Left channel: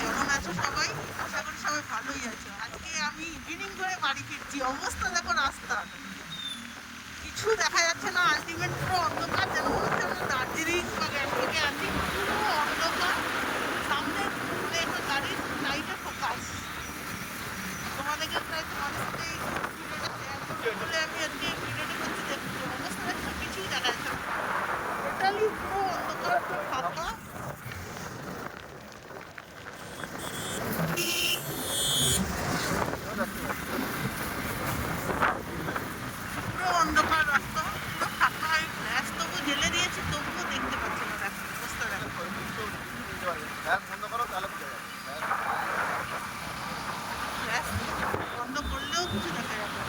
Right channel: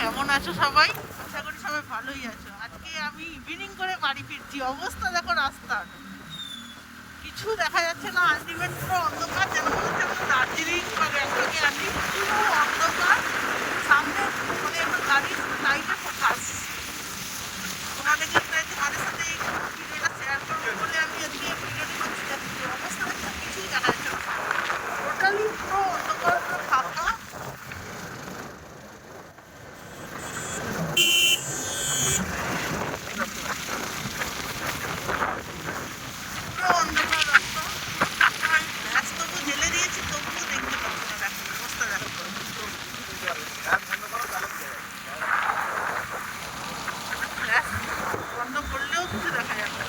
কেমন আছো সবাই? আশা করি সবাই ভালোই আছো। আজকে আমি ইভিনিং করে বাড়ি ফিরছি। অবস্থা দেখো রাস্তার, কিছু দেখা যাচ্ছে না। আলটিমেট পুরো অন্ধকার, যেন মনে হচ্ছে আমরা দার্জিলিং বা গ্যাংটকে আছি। পুরো অন্ধকার, সামনে মানে একটা গাড়ির লাইটে ফোকাস। তোমাদের সাথে এই ভিডিওটা শেয়ার করবো বলে আমি আজকে ভিডিওটা করছি। দেখছি অবস্থা দেখছো, কিছুই দেখা যাচ্ছে না। টোটালি পুরো অন্ধকার, পুরো ফাঁকা। পুরো অন্ধকার রাস্তা, পুরো ফাঁকা। আমি গ্যাস তবু জ্বেলে দিয়েছি, তবুও দেখতে পাচ্ছি না। দেখো অবস্থা, দেখো গ্যাস বন্ধ করলেও কিছু দেখা যাবে না।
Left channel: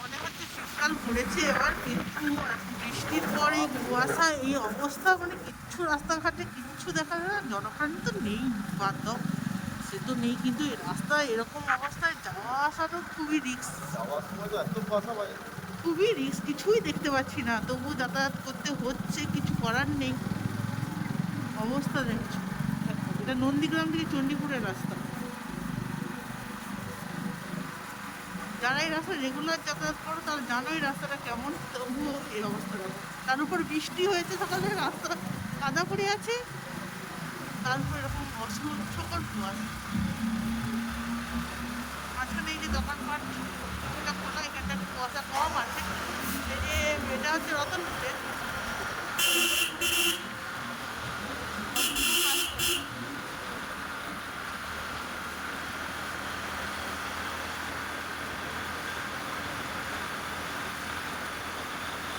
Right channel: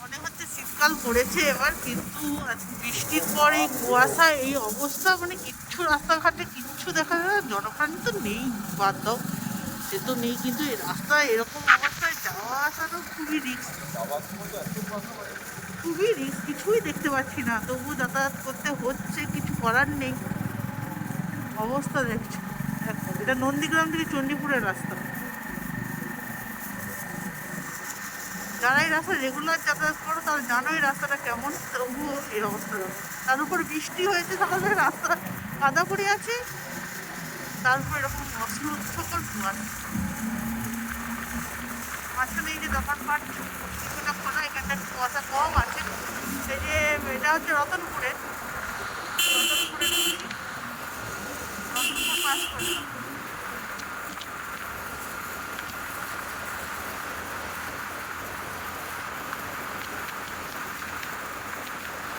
মনে হচ্ছে শীতকাল পড়েছে এবার, কিন্তু আজকে বৃষ্টির পর এই কুয়াশা, এই অবস্থা, মানে কিচ্ছু রাস্তাঘাটে কিচ্ছু দেখা যায় না। জনপ্রাণী তো নেই, বাদ দাও, সে তো নেই, কিন্তু এই রাস্তায় এরকম অবস্থায় যাওয়া আসাটাও খুবই রিস্ক। যাওয়ার সময় তো এত কথা বলে না। খুবই রিস্ক, কিছুই দেখতে পাচ্ছি না, তবু যাতায়াত করতে হচ্ছে, কিছু করার নেই। অবস্থা দেখছো, দেখো এটা নন্দীগ্রাম থেকে চণ্ডীপুরের রাস্তা। যারা এই রাস্তা রেগুলার যাতায়াত করো তারা জানো এই রাস্তাটা কেমন, তবুও এই অবস্থা দেখো। তার উপর বৃষ্টি হয়েছে সকালে, রাস্তা কাদা পড়ে আছে, তার উপর এরকম অসহ্যকর কুয়াশা। মাঝখানে এই যে দোকানপাট কিছুটা খোলা, এখানটা একটু কুয়াশা কম আছে। এই যে এটা হচ্ছে রতনপুরে, রতনপুর পাস করলাম।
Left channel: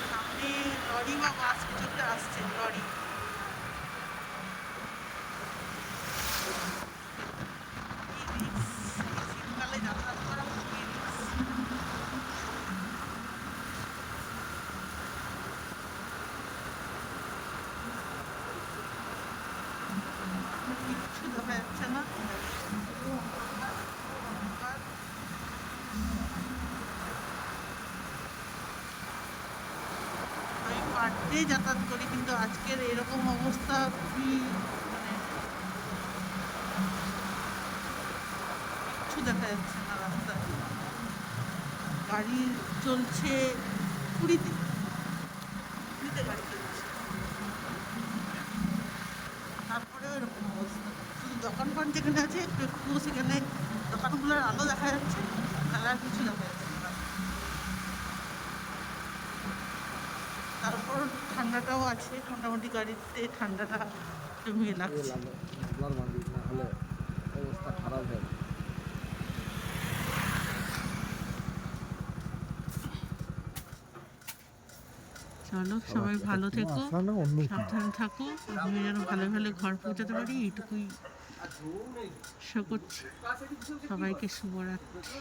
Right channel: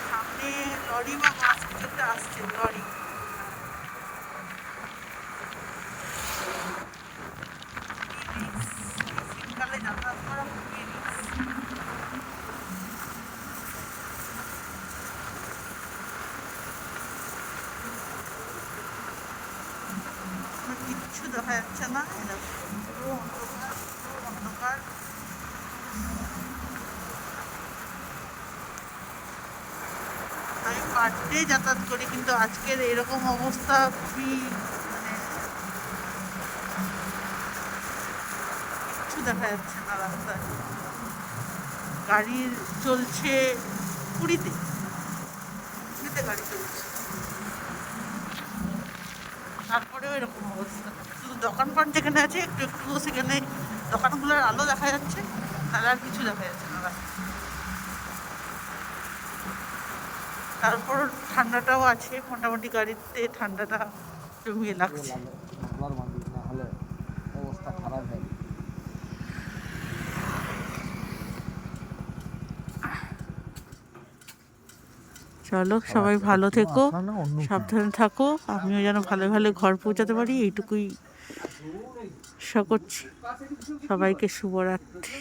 সামনে লরি বা বাস কিছু একটা আসছে, লরি। শীতকালে যাতায়াত করা খুবই রিস্ক। কিচ্ছু দেখা যাচ্ছে না, পুরো অন্ধকার, পুরো অন্ধকার। আমি পার ডে যাতায়াত করি, কিন্তু আজকের এরকম অবস্থা খুবই, মানে কিচ্ছু দেখা যাচ্ছে না রাস্তায়। গাড়ি চলছে পুরীতে, পুরীতে গাড়ি চলছে, তারপরেও এরকম অবস্থা। শুধু দোকানপাট যেখানে আছে একটু একটু সেখানে দোকানগুলোর আলো দেখা যাচ্ছে, তাহলে আর কিছু দেখা যাচ্ছে না রাস্তায়। তারপর ঠান্ডাটাও আছে, মোটামুটি গাড়িতে ঠান্ডাটা জমিয়ে লাগছে। মামলার মান্দি না হলে অবস্থা খারাপ হয়। চলো সবাই ভালো থেকো, সাবধানে থাকো, আমিও যেন ভালো ভালো ঘর পৌঁছাতে পারি, এইটুকুই আশা করছি। সবাইকে শুভরাত্রি।